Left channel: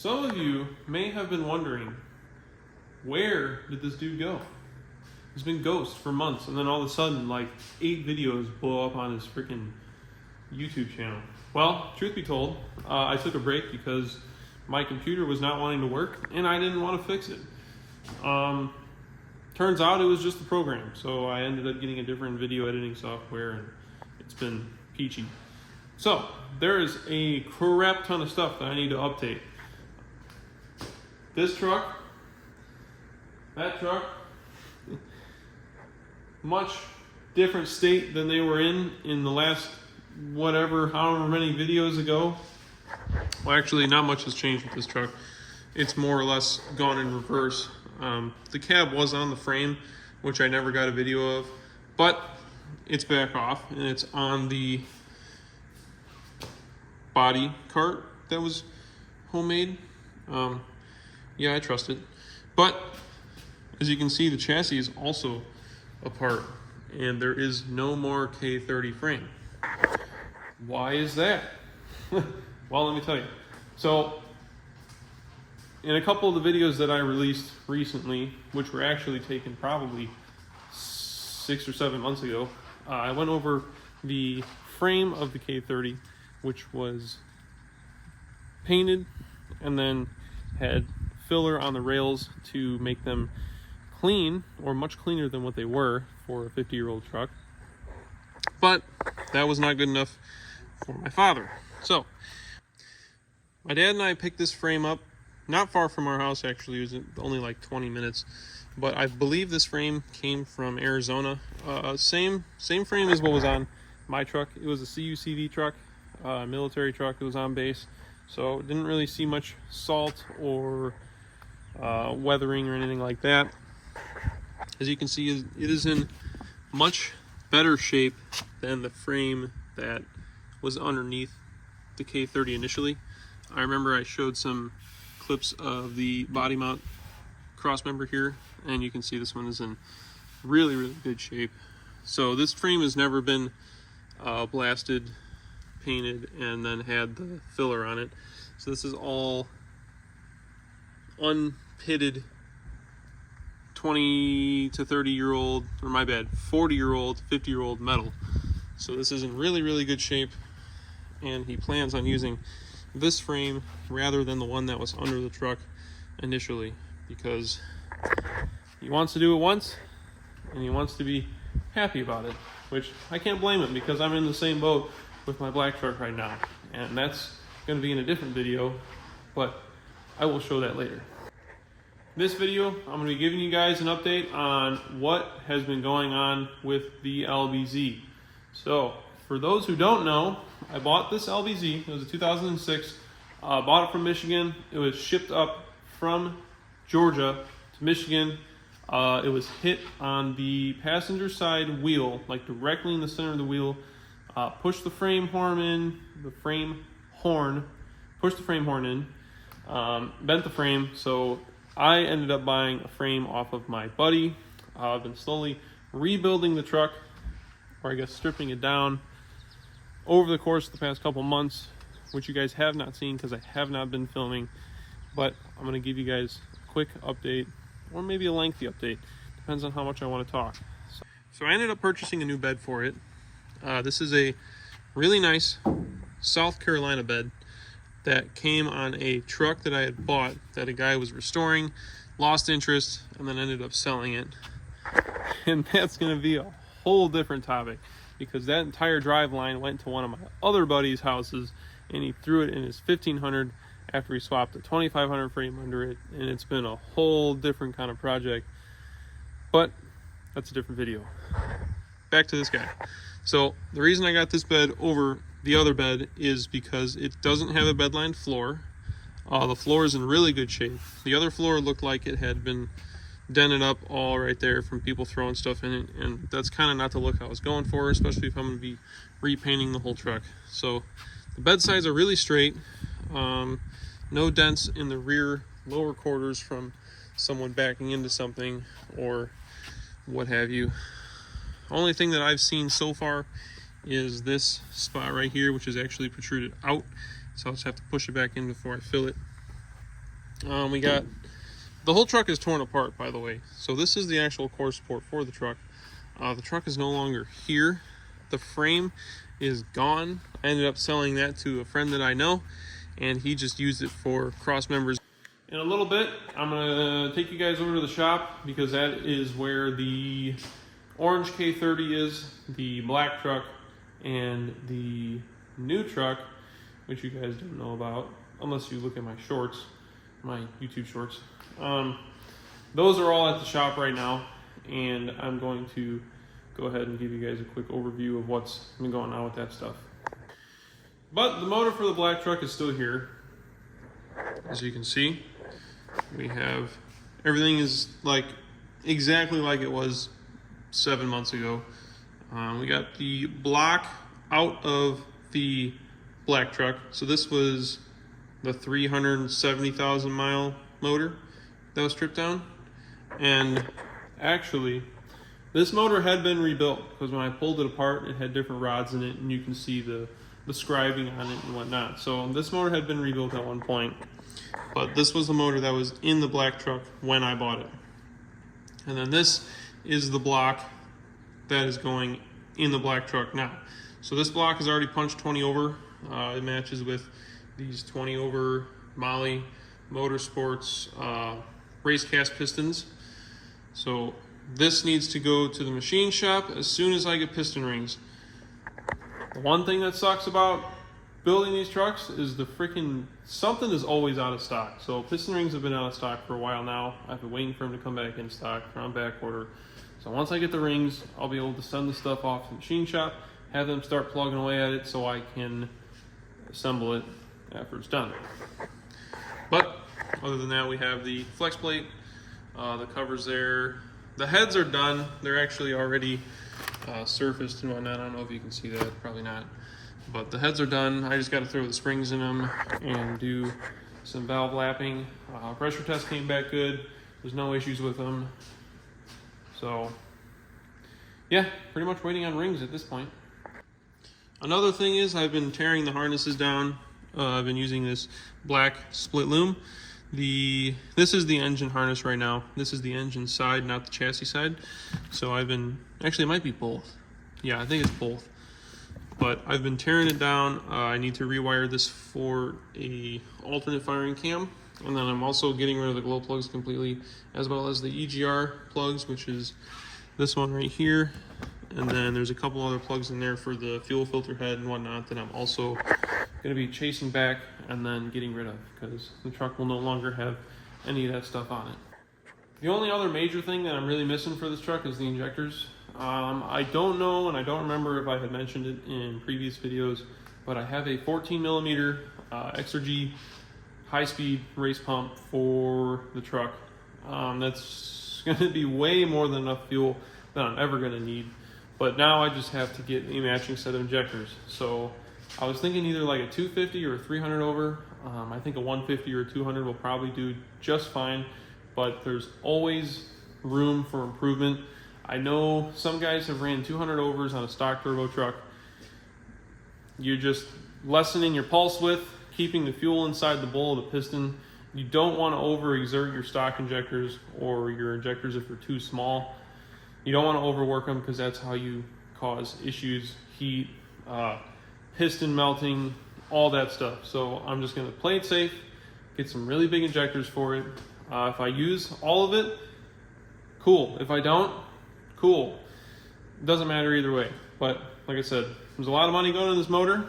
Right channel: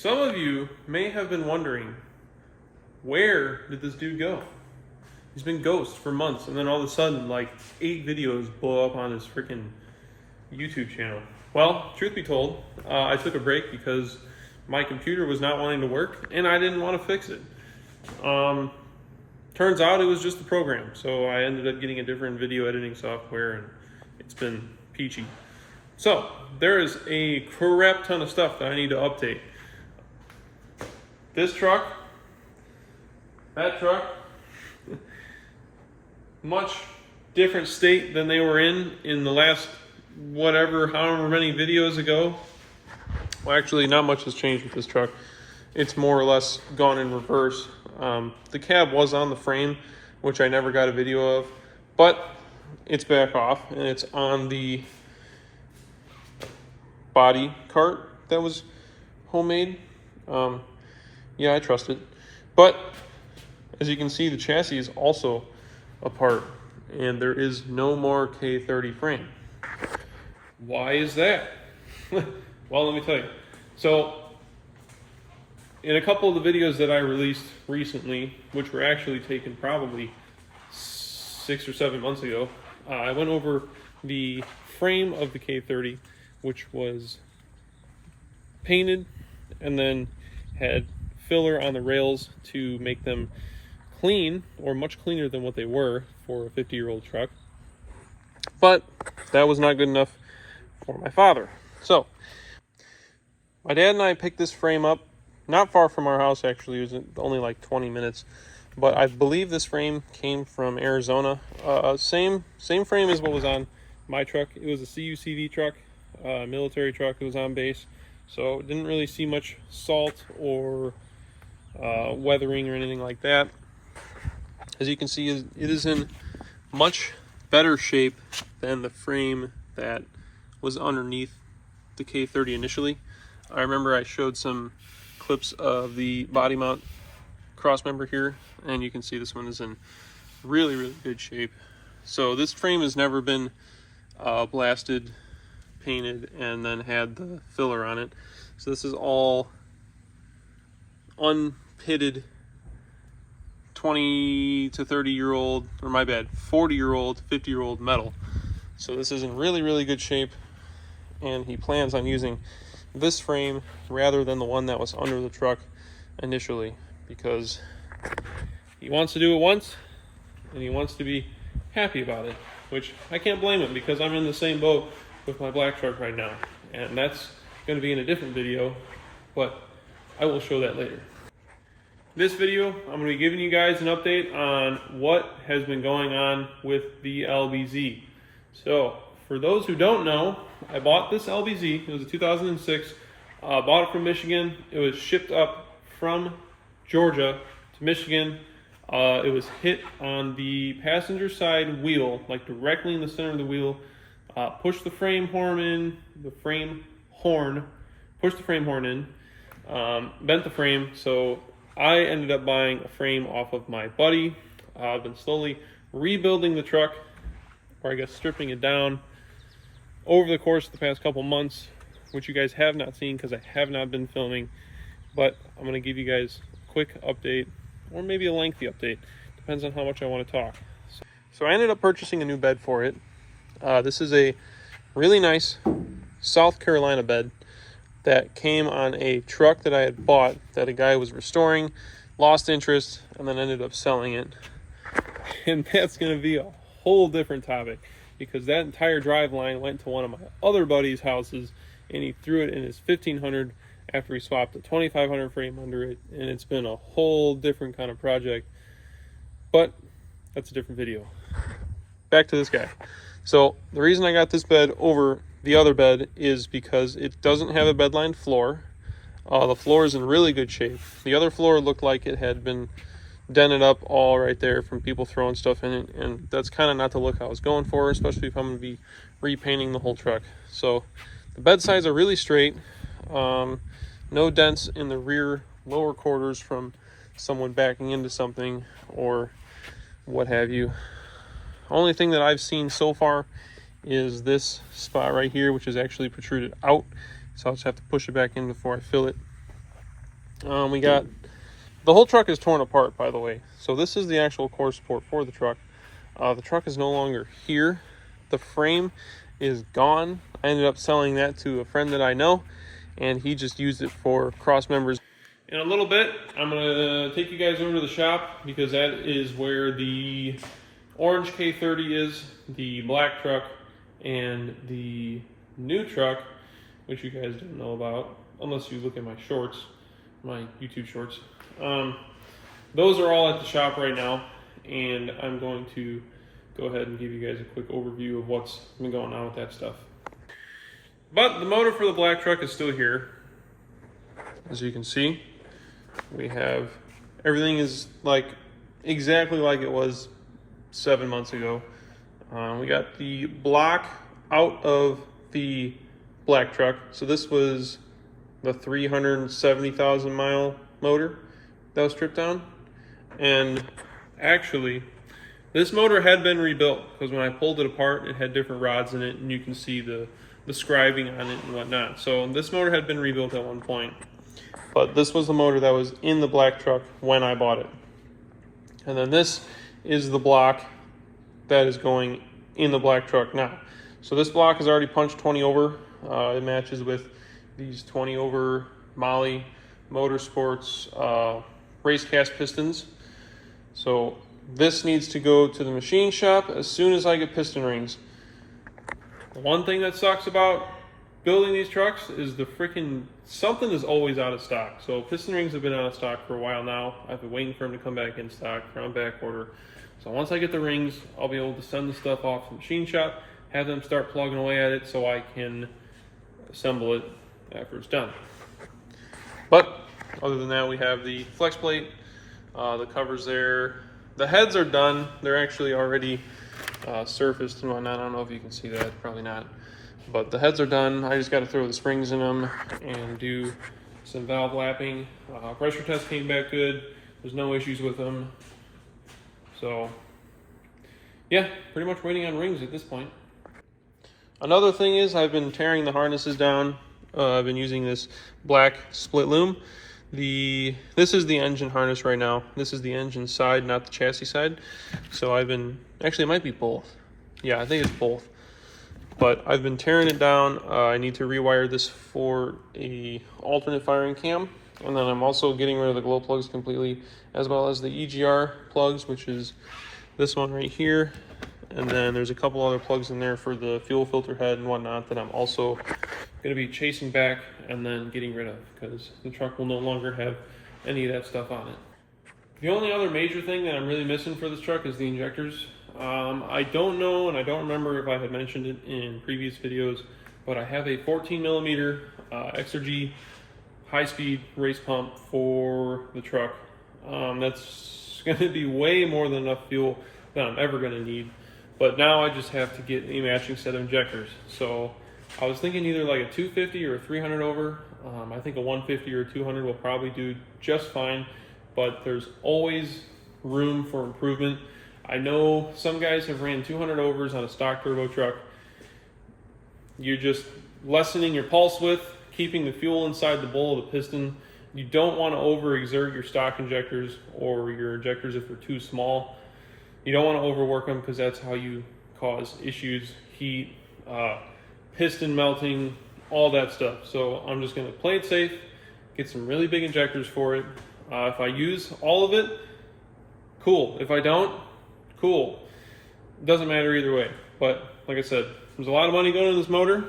Some of you may have been wondering, where did this dude go? He's been ghost for months, and then all of a sudden, like 8 videos blow up on his freaking YouTube channel. Well, truth be told, I took a break because my computer was not wanting to work, and I didn't want to fix it. Turns out it was just a program, so I ended up getting a different video editing software, and it's been peachy. So, there is a crap ton of stuff that I need to update. This truck, that truck, much different state than they were in the last however many videos ago. Well, actually, not much has changed with this truck. It's more or less gone in reverse. The cab was on the frame, which I never got a video of, but it's back off, and it's on the body cart that was homemade. Yeah, I trust it. But as you can see, the chassis is also apart, and there is no more K30 frame. Why is that? Well, let me tell you. So, in a couple of the videos that I released recently, which were actually taken probably 6 or 7 months ago, I went over the frame of the K30, which was painted and then had filler on the rails to make them clean, or much cleaner than what they were for a 50-year-old truck. But that was not good enough for my father. So my dad and I picked this frame up not far from our house. Actually, it was only like 20 minutes, but I believe this frame came from Arizona. Same frame as what was on my truck. It was a CUCV truck, military truck. It was on base, so didn't really see much salt or weathering or anything like that. As you can see, it is in much better shape than the frame that was underneath the K30 initially. I remember I showed some clips of the body mount cross member here, and you can see this one is in really, really good shape. So this frame has never been blasted, painted, and then had the filler on it. So this is all unpitted 20 to 30 year old, or my bad, 40-year-old, 50-year-old metal. So this is in really, really good shape, and he plans on using this frame rather than the one that was under the truck initially, because he wants to do it once and he wants to be happy about it, which I can't blame him, because I'm in the same boat with my black truck right now, and that's going to be in a different video, but I will show that later. This video, I'm going to be giving you guys an update on what has been going on with the LBZ. So, for those who don't know, I bought this LBZ. It was a 2006. Bought it from Michigan. It was shipped up from Georgia to Michigan. It was hit on the passenger side wheel, like directly in the center of the wheel. Pushed the frame horn in. Pushed the frame horn in. Bent the frame. So I ended up buying a frame off of my buddy. I've been slowly rebuilding the truck, or I guess stripping it down, over the course of the past couple months, which you guys have not seen because I have not been filming, but I'm going to give you guys a quick update, or maybe a lengthy update, depends on how much I want to talk. So I ended up purchasing a new bed for it. This is a really nice South Carolina bed that came on a truck that I had bought that a guy was restoring, lost interest, and then ended up selling it. And that's going to be a whole different topic, because that entire drive line went to one of my other buddies' houses, and he threw it in his 1500 after he swapped a 2500 frame under it, and it's been a whole different kind of project, but that's a different video. Back to this guy. So the reason I got this bed over the other bed is because it doesn't have a bedlined floor. The floor is in really good shape. The other floor looked like it had been dented up all right there from people throwing stuff in it, and that's kind of not the look I was going for, especially if I'm going to be repainting the whole truck. So the bed sides are really straight, no dents in the rear lower quarters from someone backing into something or what have you. Only thing that I've seen so far is this spot right here, which is actually protruded out, so I'll just have to push it back in before I fill it. We got, the whole truck is torn apart, by the way. So this is the actual core support for the truck. The truck is no longer here. The frame is gone. I ended up selling that to a friend that I know, and he just used it for cross members. In a little bit, I'm gonna take you guys over to the shop because that is where the orange K30 is, the black truck, and the new truck, which you guys don't know about, unless you look at my shorts, my YouTube shorts. Those are all at the shop right now, and I'm going to go ahead and give you guys a quick overview of what's been going on with that stuff. But the motor for the black truck is still here. As you can see, we have, everything is like exactly like it was 7 months ago. We got the block out of the black truck. So this was the 370,000 mile motor that was stripped down. And actually, this motor had been rebuilt because when I pulled it apart, it had different rods in it, and you can see the scribing on it and whatnot. So this motor had been rebuilt at one point, but this was the motor that was in the black truck when I bought it. And then this is the block that is going in the black truck now. So this block is already punched 20 over. It matches with these 20 over Molly Motorsports race cast pistons. So this needs to go to the machine shop as soon as I get piston rings. The one thing that sucks about building these trucks is the freaking, something is always out of stock. So piston rings have been out of stock for a while now. I've been waiting for them to come back in stock. They're on back order. So once I get the rings, I'll be able to send the stuff off to the machine shop, have them start plugging away at it so I can assemble it after it's done. But other than that, we have the flex plate, the covers there. The heads are done. They're actually already surfaced and whatnot. I don't know if you can see that, probably not. But the heads are done. I just got to throw the springs in them and do some valve lapping. Pressure test came back good. There's no issues with them. So yeah, pretty much waiting on rings at this point. Another thing is I've been tearing the harnesses down. I've been using this black split loom. This is the engine harness right now. This is the engine side, not the chassis side. So I've been, actually it might be both. Yeah, I think it's both. But I've been tearing it down. I need to rewire this for a alternate firing cam. And then I'm also getting rid of the glow plugs completely, as well as the EGR plugs, which is this one right here. And then there's a couple other plugs in there for the fuel filter head and whatnot that I'm also going to be chasing back and then getting rid of, because the truck will no longer have any of that stuff on it. The only other major thing that I'm really missing for this truck is the injectors. I don't know, and I don't remember if I had mentioned it in previous videos, but I have a 14 millimeter XRG high-speed race pump for the truck. That's going to be way more than enough fuel that I'm ever going to need. But now I just have to get a matching set of injectors. So I was thinking either like a 250 or a 300 over. I think a 150 or a 200 will probably do just fine, but there's always room for improvement. I know some guys have ran 200 overs on a stock turbo truck. You're just lessening your pulse width, keeping the fuel inside the bowl of the piston. You don't want to overexert your stock injectors or your injectors if they're too small. You don't want to overwork them because that's how you cause issues, heat, piston melting, all that stuff. So I'm just going to play it safe, get some really big injectors for it. If I use all of it, cool. If I don't, cool. It doesn't matter either way. But like I said, there's a lot of money going into this motor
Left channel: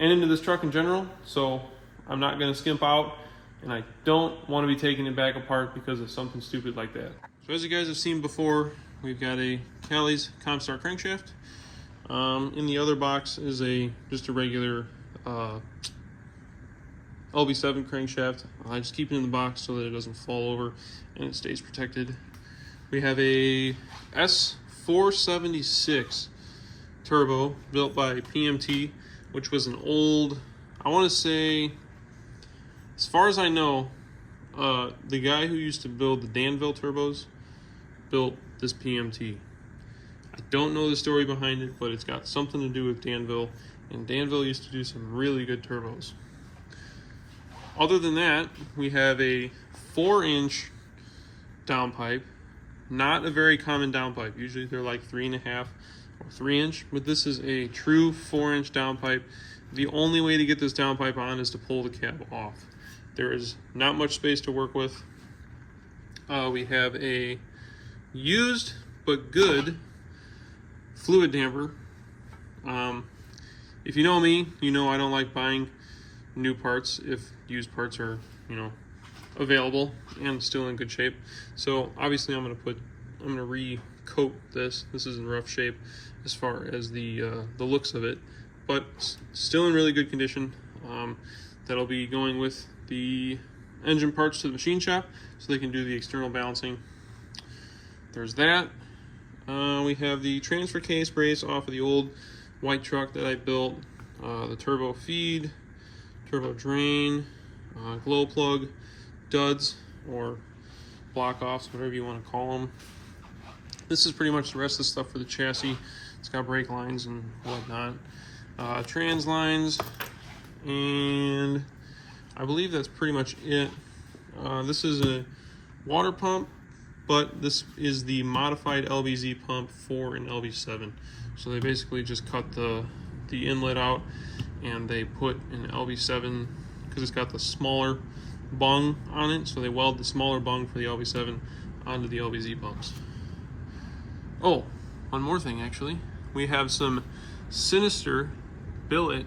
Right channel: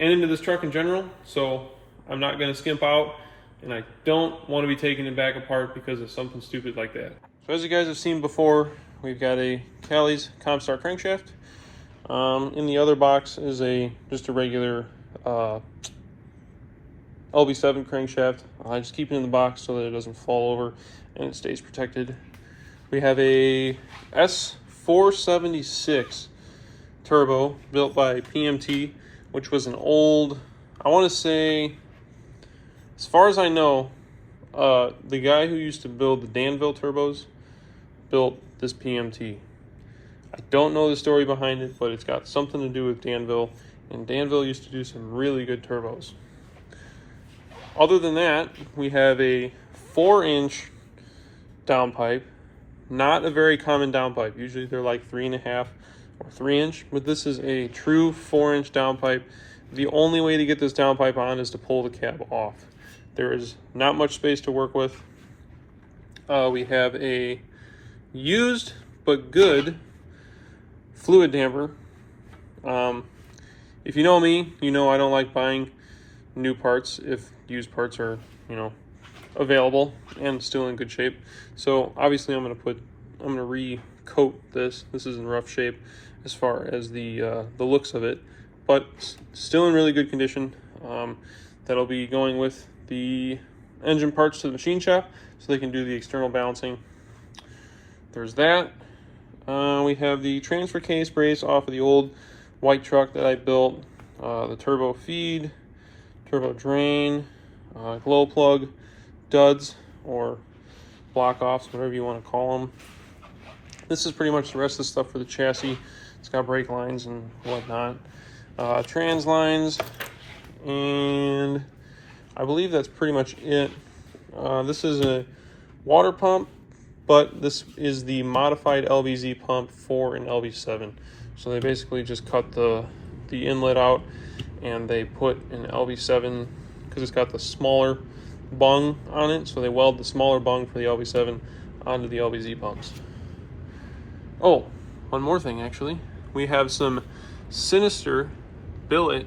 and into this truck in general, so I'm not going to skimp out, and I don't want to be taking it back apart because of something stupid like that. So as you guys have seen before, we've got a Callie's Comstar crankshaft. In the other box is just a regular LB7 crankshaft. I just keep it in the box so that it doesn't fall over and it stays protected. We have a S476 turbo built by PMT, which was an old, I want to say, as far as I know, the guy who used to build the Danville turbos built this PMT. I don't know the story behind it, but it's got something to do with Danville, and Danville used to do some really good turbos. Other than that, we have a 4-inch downpipe. Not a very common downpipe. Usually they're like 3.5 or 3-inch, but this is a true 4-inch downpipe. The only way to get this downpipe on is to pull the cab off. There is not much space to work with. We have a used but good fluid damper. If you know me, you know I don't like buying new parts if used parts are, available and still in good shape. So obviously I'm gonna re-coat this. This is in rough shape as far as the looks of it, but still in really good condition. That'll be going with the engine parts to the machine shop so they can do the external balancing. There's that. We have the transfer case brace off of the old white truck that I built, the turbo feed, turbo drain, glow plug, duds or block offs, whatever you want to call them. This is pretty much the rest of the stuff for the chassis. It's got brake lines and whatnot, trans lines, and I believe that's pretty much it. This is a water pump, but this is the modified LBZ pump for an LB7. So they basically just cut the inlet out and they put an LB7, because it's got the smaller bung on it, so they weld the smaller bung for the LB7 onto the LBZ pumps. Oh, one more thing actually. We have some Sinister billet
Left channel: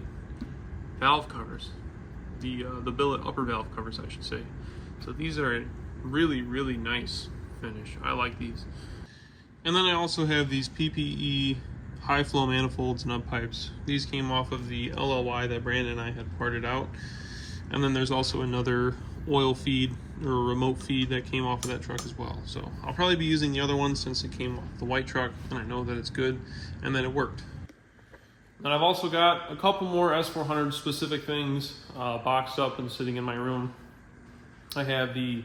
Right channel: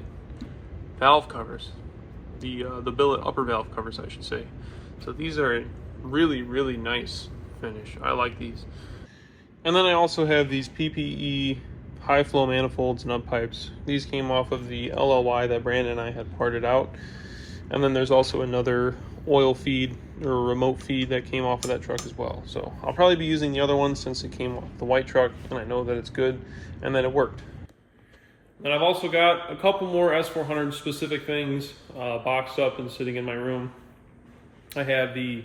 valve covers. The billet upper valve covers, I should say. So these are a really, really nice finish. I like these. And then I also have these PPE high flow manifolds nut pipes. These came off of the LLY that Brandon and I had parted out. And then there's also another oil feed or remote feed that came off of that truck as well. So I'll probably be using the other one since it came off the white truck and I know that it's good and that it worked. Then I've also got a couple more S400 specific things boxed up and sitting in my room. I have the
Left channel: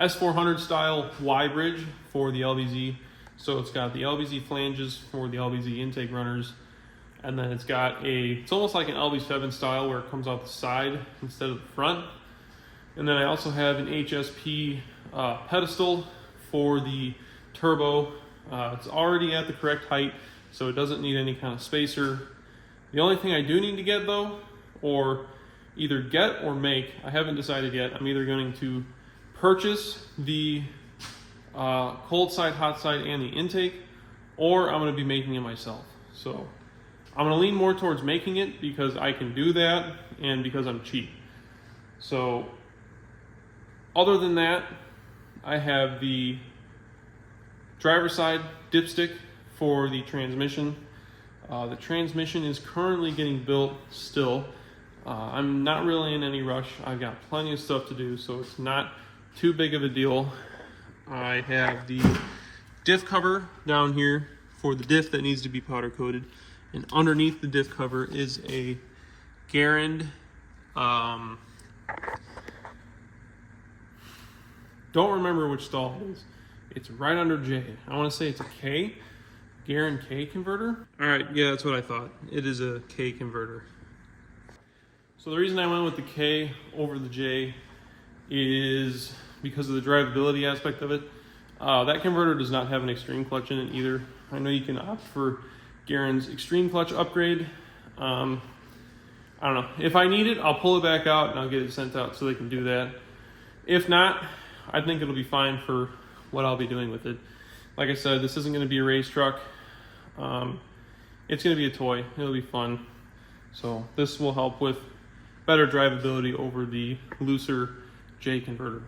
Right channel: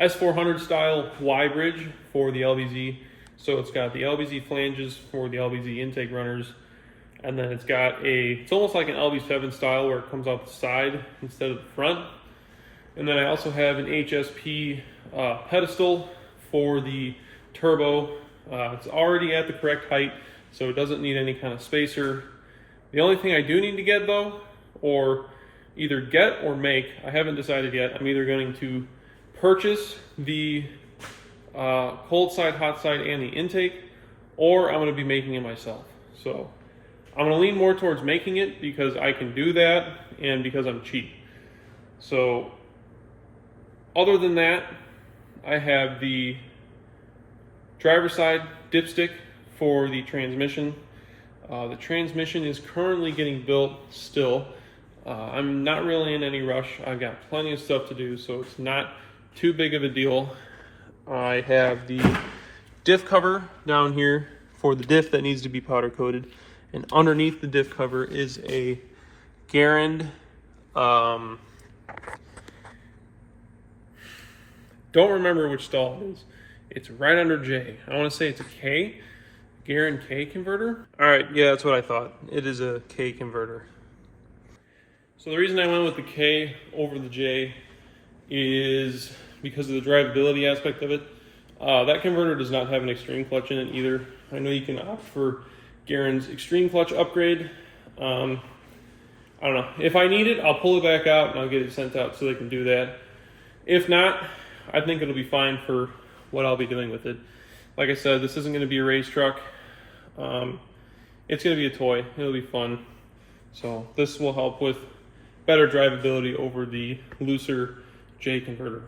S400 style Y bridge for the LBZ. So it's got the LBZ flanges for the LBZ intake runners. And then it's got it's almost like an LB7 style where it comes out the side instead of the front. And then I also have an HSP pedestal for the turbo. It's already at the correct height, so it doesn't need any kind of spacer. The only thing I do need to get though, or either get or make, I haven't decided yet. I'm either going to purchase the cold side, hot side, and the intake, or I'm going to be making it myself. So I'm going to lean more towards making it because I can do that and because I'm cheap. So other than that, I have the driver's side dipstick for the transmission. The transmission is currently getting built still. I'm not really in any rush. I've got plenty of stuff to do, so it's not too big of a deal. I have the diff cover down here for the diff that needs to be powder coated. And underneath the diff cover is a Garand, don't remember which stall it is. It's right under J. I want to say it's a K. Garand K converter. All right, yeah, that's what I thought. It is a K converter. So the reason I went with the K over the J is because of the drivability aspect of it. That converter does not have an extreme clutch in it either. I know you can opt for Garand's extreme clutch upgrade. I don't know. If I need it, I'll pull it back out and I'll get it sent out so they can do that. If not, I think it'll be fine for what I'll be doing with it. Like I said, this isn't going to be a race truck. It's going to be a toy. It'll be fun. So this will help with better drivability over the looser J converter.